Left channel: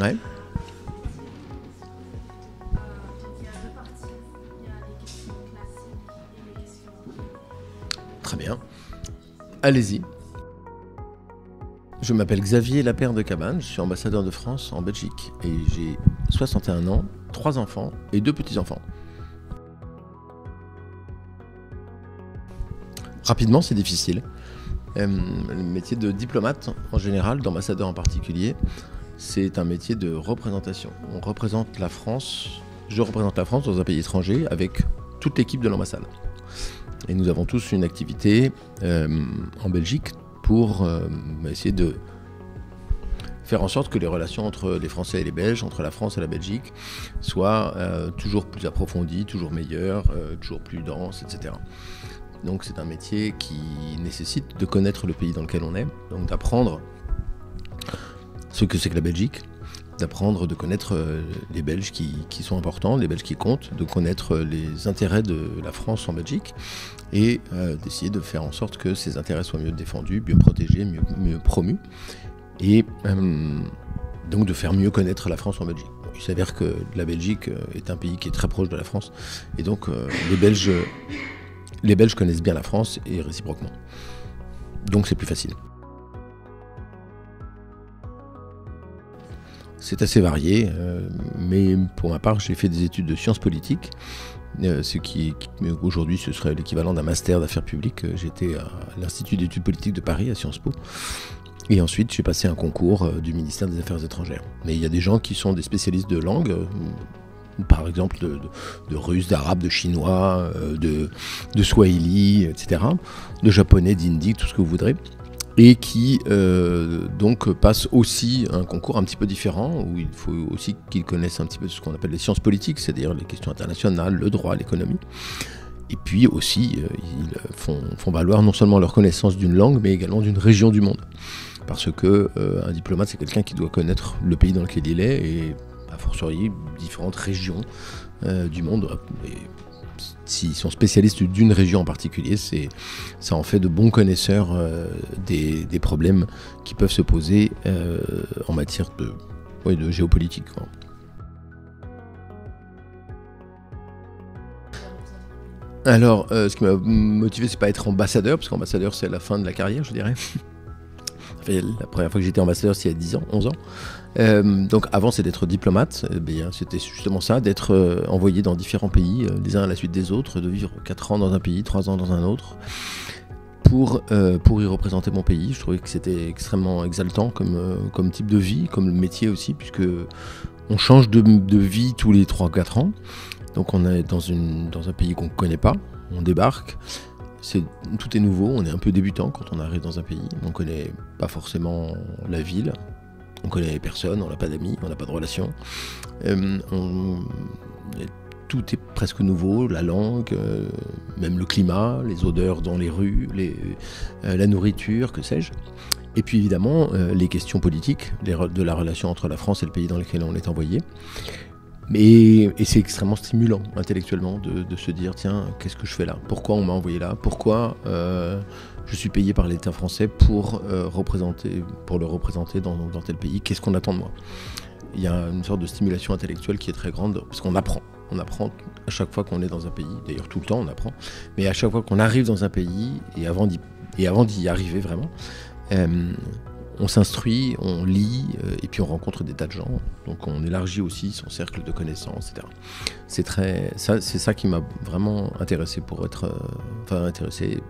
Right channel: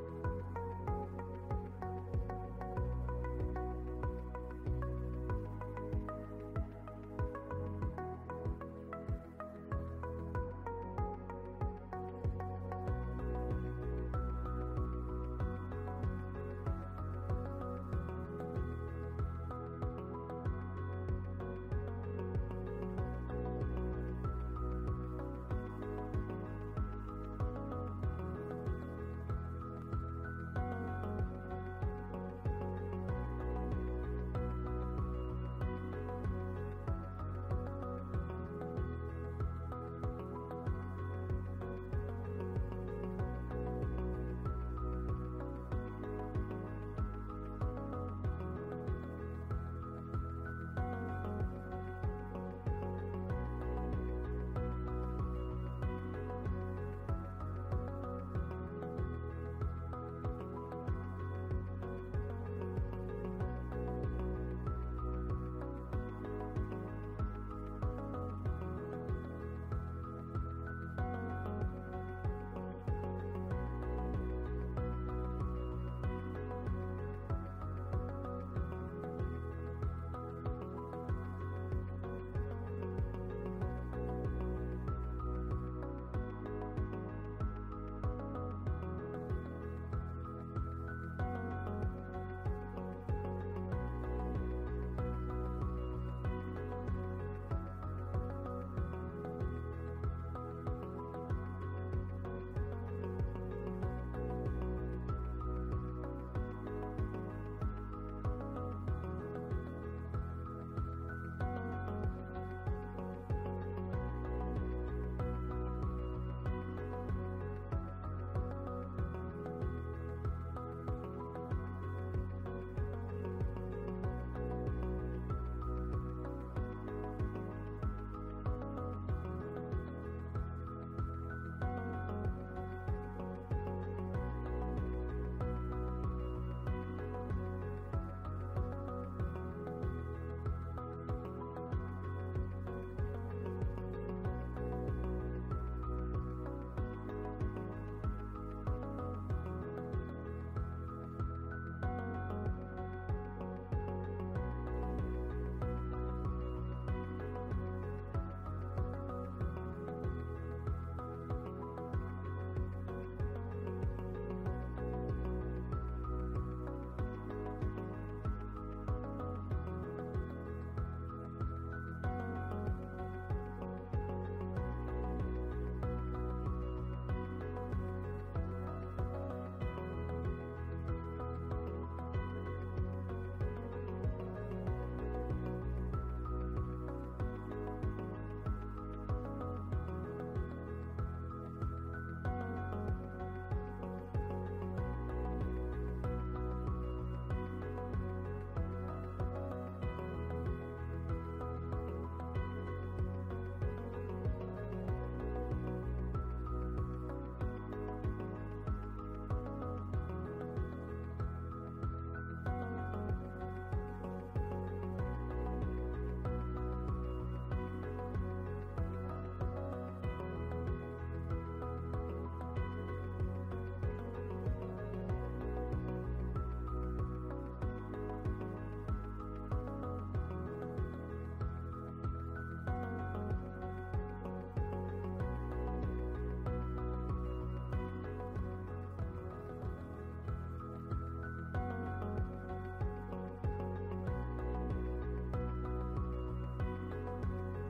Ouais. Très bien. Allez-y. Je m'appelle Xavier Lapère de Cabane, je suis ambassadeur de France en Belgique et j'ai 61 ans, 3 enfants et 2 petits-enfants. Rapidement, c'est difficile. Le métier de diplomate en général, d'ambassadeur en particulier, c'est un métier de représentation. On représente la France, je représente la France dans un pays étranger avec toute l'équipe de l'ambassade. Et nous avons tous une activité en Belgique pour essayer de faire en sorte que les relations entre les Français et les Belges, entre la France et la Belgique, soient toujours plus approfondies, toujours meilleures, toujours plus denses, etc. Donc c'est un métier qui nécessite de connaître le pays dans lequel on est, donc d'apprendre ce que c'est que la Belgique, d'apprendre, de connaître les Belges qui sont importants, les Belges qui comptent, de connaître les intérêts de la France en Belgique et d'essayer de faire en sorte que ces intérêts soient mieux défendus, mieux protégés, mieux promus et donc de faire mieux connaître la France en Belgique. Il s'avère que la Belgique est un pays qui est très proche de la France et donc les Belges connaissent bien la France et réciproquement. Donc c'est plus facile. C'est assez varié, mais pour ma part, j'ai fait des études de sciences politiques, ce qui aujourd'hui ce serait l'équivalent d'un master d'affaires publiques. J'étais à l'Institut d'études politiques de Paris, à Sciences Po. Et ensuite, j'ai passé un concours du ministère des Affaires étrangères. Mais il y a des gens qui sont des spécialistes de langue, par exemple de russe, d'arabe, de chinois, de swahili, etc., de japonais, d'hindi, tout ce que vous voudrez, et qui donc passent aussi un concours un petit peu différent, où il faut aussi qu'ils connaissent un petit peu ce qu'on appelle les sciences politiques, c'est-à-dire les questions internationales, le droit, l'économie. Et puis aussi, ils font valoir non seulement leur connaissance d'une langue, mais également d'une région du monde. Parce que un diplomate, c'est quelqu'un qui doit connaître le pays dans lequel il est, et a fortiori différentes régions du monde. Et s'ils sont spécialistes d'une région en particulier, ça en fait de bons connaisseurs des problèmes qui peuvent se poser en matière de géopolitique, quoi. Alors, ce qui m'a motivé, c'est pas être ambassadeur, parce qu'ambassadeur, c'est la fin de la carrière, je dirais. La première fois que j'étais ambassadeur, c'est il y a 10 ans, 11 ans. Donc avant, c'est d'être diplomate. C'était justement ça, d'être envoyé dans différents pays, les uns à la suite des autres, de vivre 4 ans dans un pays, 3 ans dans un autre, pour y représenter mon pays. Je trouvais que c'était extrêmement exaltant comme type de vie, comme le métier aussi, puisque on change de vie tous les 3-4 ans. Donc on est dans un pays qu'on ne connaît pas, on débarque. Tout est nouveau, on est un peu débutant quand on arrive dans un pays, on ne connaît pas forcément la ville, on connaît personne, on n'a pas d'amis, on n'a pas de relations. Tout est presque nouveau, la langue, même le climat, les odeurs dans les rues, la nourriture, que sais-je. Et puis évidemment, les questions politiques, de la relation entre la France et le pays dans lequel on est envoyé. Et c'est extrêmement stimulant intellectuellement de se dire tiens, qu'est-ce que je fais là? Pourquoi on m'a envoyé là? Pourquoi je suis payé par l'État français pour le représenter dans tel pays? Qu'est-ce qu'on attend de moi? Il y a une sorte de stimulation intellectuelle qui est très grande parce qu'on apprend. On apprend à chaque fois qu'on est dans un pays, d'ailleurs tout le temps on apprend, mais à chaque fois qu'on arrive dans un pays et avant d'y arriver vraiment, on s'instruit, on lit, et puis on rencontre des tas de gens. Donc on élargit aussi son cercle de connaissances, etc. C'est ça qui m'a vraiment intéressé intéressé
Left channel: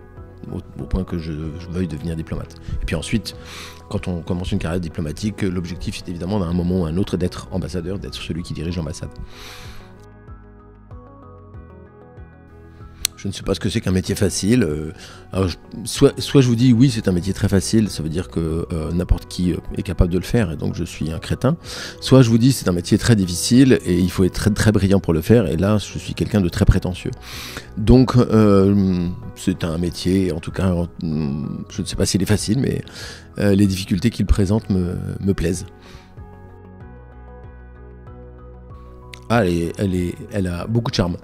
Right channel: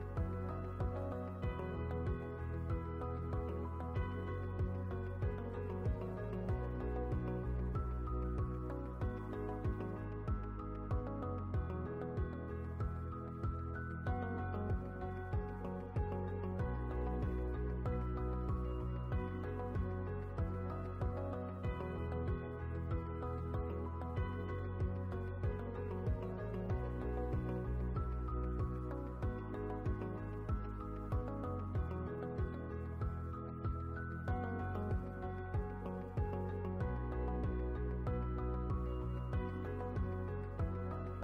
au point que je veuille devenir diplomate. Et puis ensuite, quand on commence une carrière diplomatique, l'objectif est évidemment d'un moment ou à un autre d'être ambassadeur, d'être celui qui dirige l'ambassade. Je ne sais pas ce que c'est qu'un métier facile. Alors soit je vous dis oui, c'est un métier très facile, ça veut dire que n'importe qui est capable de le faire et donc je suis un crétin. Soit je vous dis c'est un métier très difficile et il faut être très, très brillant pour le faire et là je suis quelqu'un de très prétentieux. Donc c'est un métier, en tout cas, je ne sais pas s'il est facile, mais les difficultés qu'il présente me plaisent. Ah, elle a beaucoup de charme.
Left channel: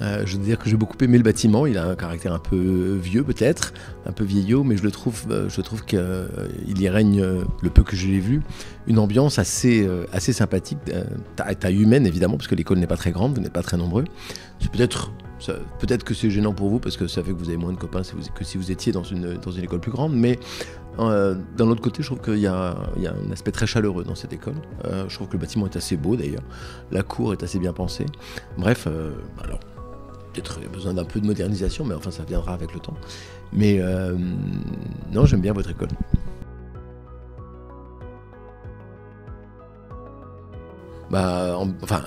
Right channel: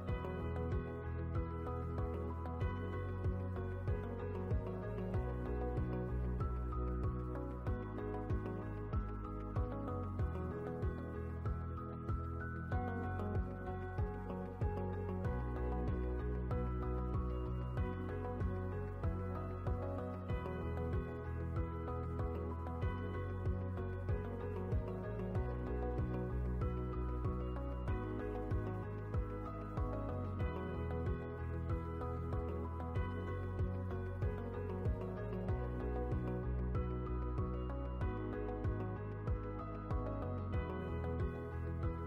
Je veux dire que j'ai beaucoup aimé le bâtiment. Il a un caractère un peu vieux peut-être, un peu vieillot, mais je trouve qu'il y règne, le peu que je l'ai vu, une ambiance assez sympathique, taille humaine évidemment, parce que l'école n'est pas très grande, vous n'êtes pas très nombreux. Peut-être que c'est gênant pour vous, parce que ça fait que vous avez moins de copains que si vous étiez dans une école plus grande, mais d'un autre côté, je trouve qu'il y a un aspect très chaleureux dans cette école. Je trouve que le bâtiment est assez beau d'ailleurs, la cour est assez bien pensée. Bref, alors peut-être besoin d'un peu de modernisation, mais enfin ça viendra avec le temps. Mais non, j'aime bien votre école.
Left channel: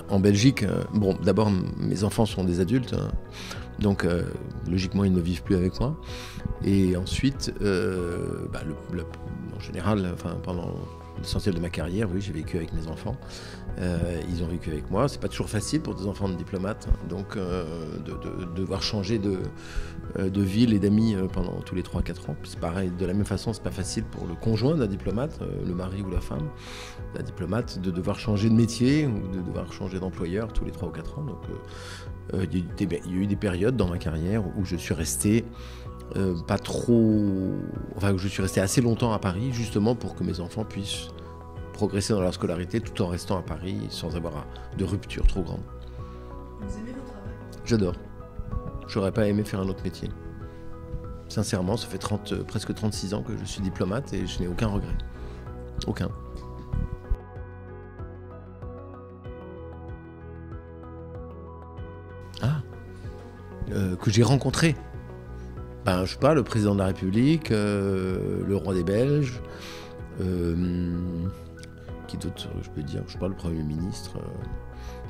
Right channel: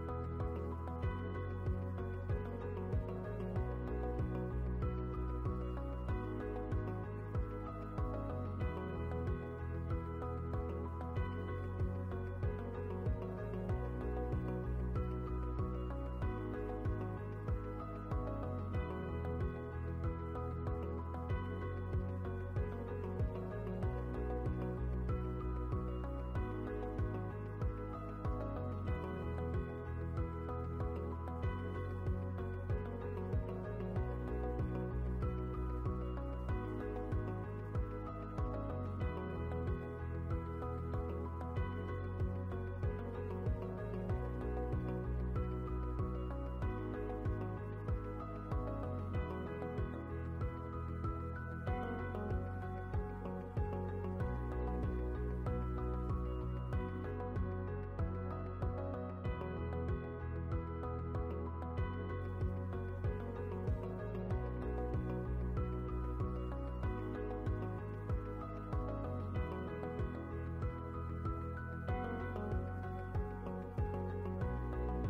En Belgique, bon, d'abord mes enfants sont des adultes, hein, donc logiquement ils ne vivent plus avec moi. Et ensuite, en général, pendant l'essentiel de ma carrière, oui, j'ai vécu avec mes enfants. Ils ont vécu avec moi. C'est pas toujours facile pour des enfants de diplomates, donc de devoir changer de ville et d'amis pendant tous les 3-4 ans. C'est pareil, de la même façon, c'est pas facile pour le conjoint d'un diplomate, le mari ou la femme d'un diplomate, de devoir changer de métier ou de devoir changer d'employeur tous les 3 ou 4 ans. Donc il y a eu des périodes dans ma carrière où je suis resté où je suis resté assez longtemps à Paris, justement pour que mes enfants puissent progresser dans leur scolarité tout en restant à Paris sans avoir de rupture trop grande. Vous aimez votre travail? J'adore. J'aurais pas aimé faire un autre métier. Sincèrement, ça fait presque 36 ans que je suis diplomate et je n'ai aucun regret. Aucun. Que j'ai rencontré. Je sais pas, le président de la République, le roi des Belges, qui d'autre je peux dire, je sais pas, le Premier ministre.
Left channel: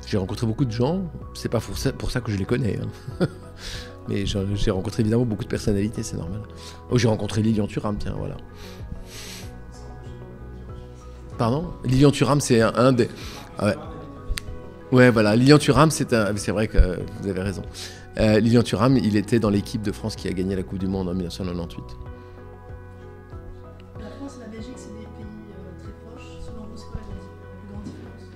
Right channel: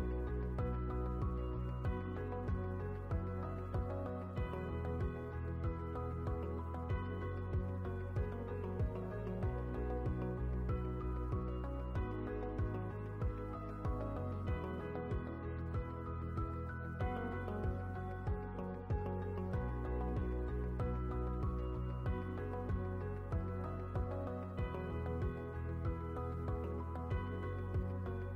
J'ai rencontré beaucoup de gens, c'est pas pour ça que je les connais. Hein. Mais j'ai rencontré évidemment beaucoup de personnalités, c'est normal. Oh, j'ai rencontré Lilian Thuram, tiens, voilà. Pardon ? Lilian Thuram, c'est un des... Ah ouais. Ouais, voilà, Lilian Thuram, c'est vrai que vous avez raison. Lilian Thuram, il était dans l'équipe de France qui a gagné la Coupe du Monde en 1998. La France et la Belgique, c'est des pays très proches. Selon vous, c'est quoi la plus grande différence?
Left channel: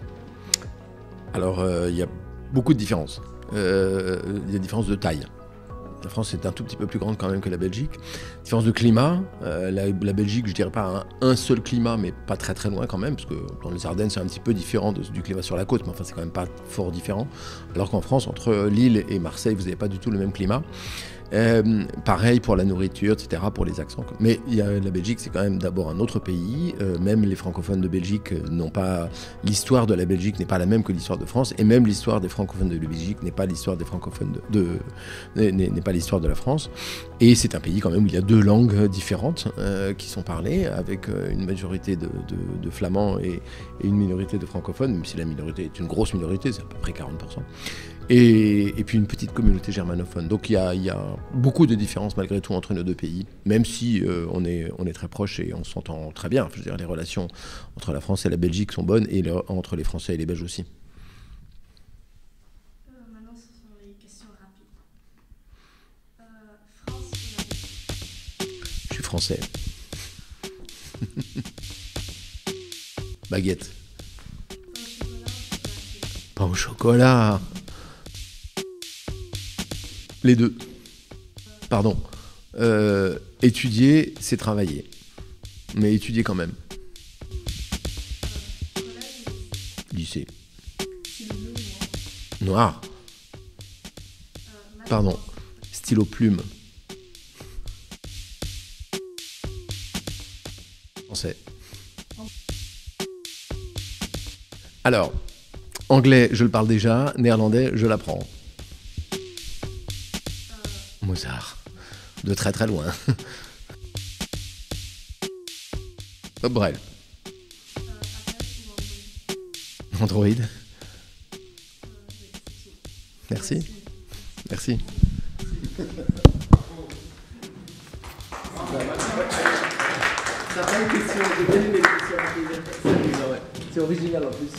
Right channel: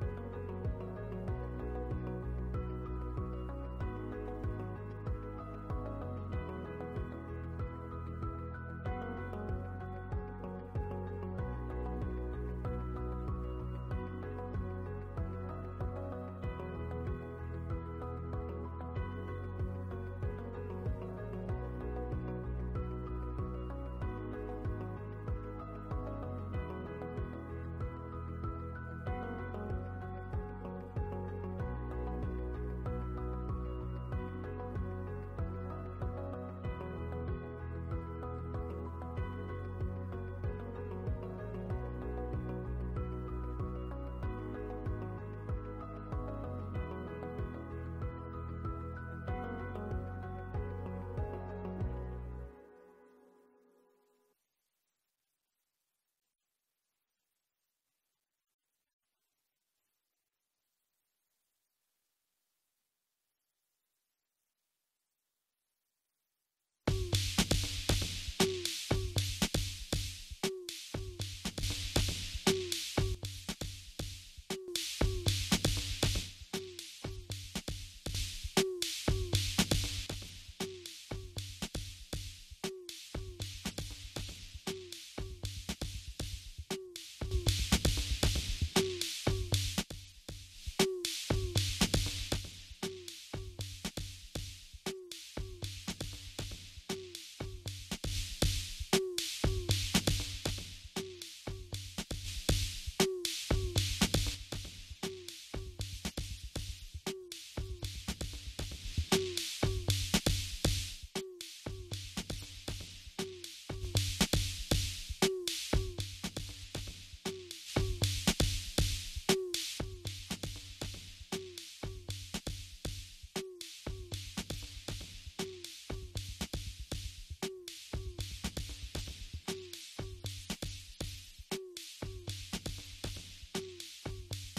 Alors, il y a beaucoup de différences. Il y a des différences de taille. La France est un tout petit peu plus grande quand même que la Belgique. Différence de climat, la Belgique, je dirais pas un seul climat, mais pas très très loin quand même, parce que dans les Ardennes c'est un petit peu différent du climat sur la côte, mais enfin c'est quand même pas fort différent. Alors qu'en France, entre Lille et Marseille, vous n'avez pas du tout le même climat. Pareil pour la nourriture, etc., pour les accents. Mais la Belgique, c'est quand même d'abord un autre pays. Même les francophones de Belgique n'ont pas... L'histoire de la Belgique n'est pas la même que l'histoire de France. Et même l'histoire des francophones de la Belgique n'est pas l'histoire des francophones n'est pas l'histoire de la France. Et c'est un pays quand même où il y a deux langues différentes qui sont parlées, avec une majorité de flamands et une minorité de francophones, même si la minorité est une grosse minorité, c'est à peu près 40%. Et puis une petite communauté germanophone. Donc il y a beaucoup de différences malgré tout entre nos deux pays, même si on est très proches et on s'entend très bien. Je veux dire, les relations entre la France et la Belgique sont bonnes et entre les Français et les Belges aussi. Maintenant, ce sont les questions rapides. Je suis français. Baguette. Pain au chocolat. Les deux. Pardon. Étudier, c'est travailler. Mais étudier quand même. Lycée. Noir. Pardon. Stylo plume. Français. Alors, anglais, je le parle déjà. Néerlandais, je l'apprends. Mozart. De très très loin. Bref. Android. Merci. Merci. C'est original en plus.